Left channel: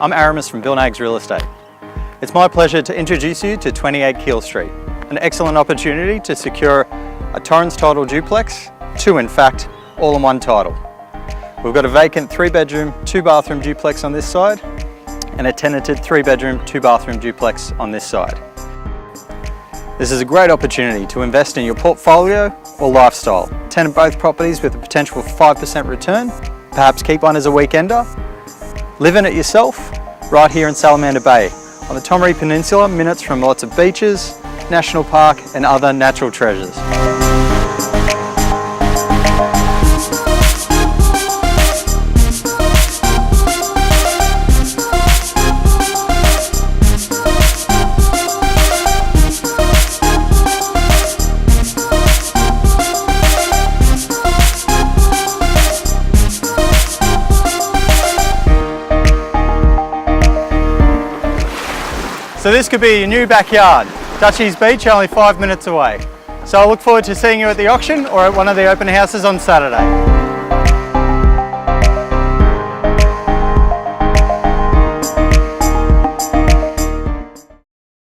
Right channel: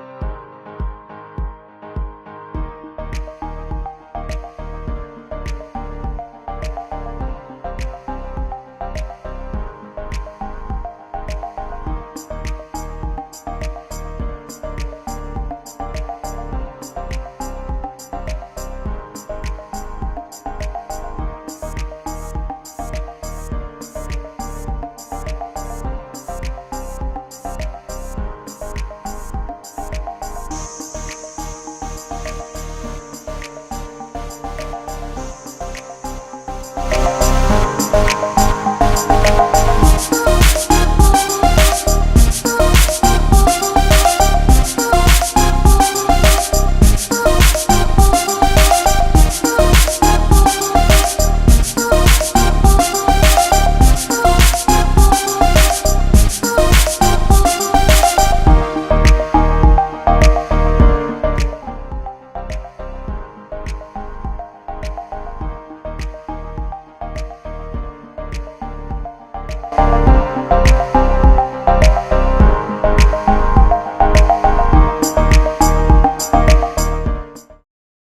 I'm Aramis from Nags Real Estate. It's my pleasure to introduce you to 28 Keel Street, an excellent opportunity to secure a Torrens title duplex, two in fact, all in one title. We've got a vacant 3-bedroom, 2-bathroom duplex on this side and a tenanted 3-bedroom, 2-bathroom duplex on this side. This is a great opportunity to invest in your portfolio or lifestyle. Tenant both properties with a potential 5% return, perhaps keep one as a weekender. Live in it yourself, right here in Salamander Bay, on the Torrens Peninsula, minutes from lots of beaches, national park and other natural treasures. So this could be your new backyard. Dutchies Beach, only 5 minutes away. So I look forward to seeing you at the auction or at one of the open houses on Saturday.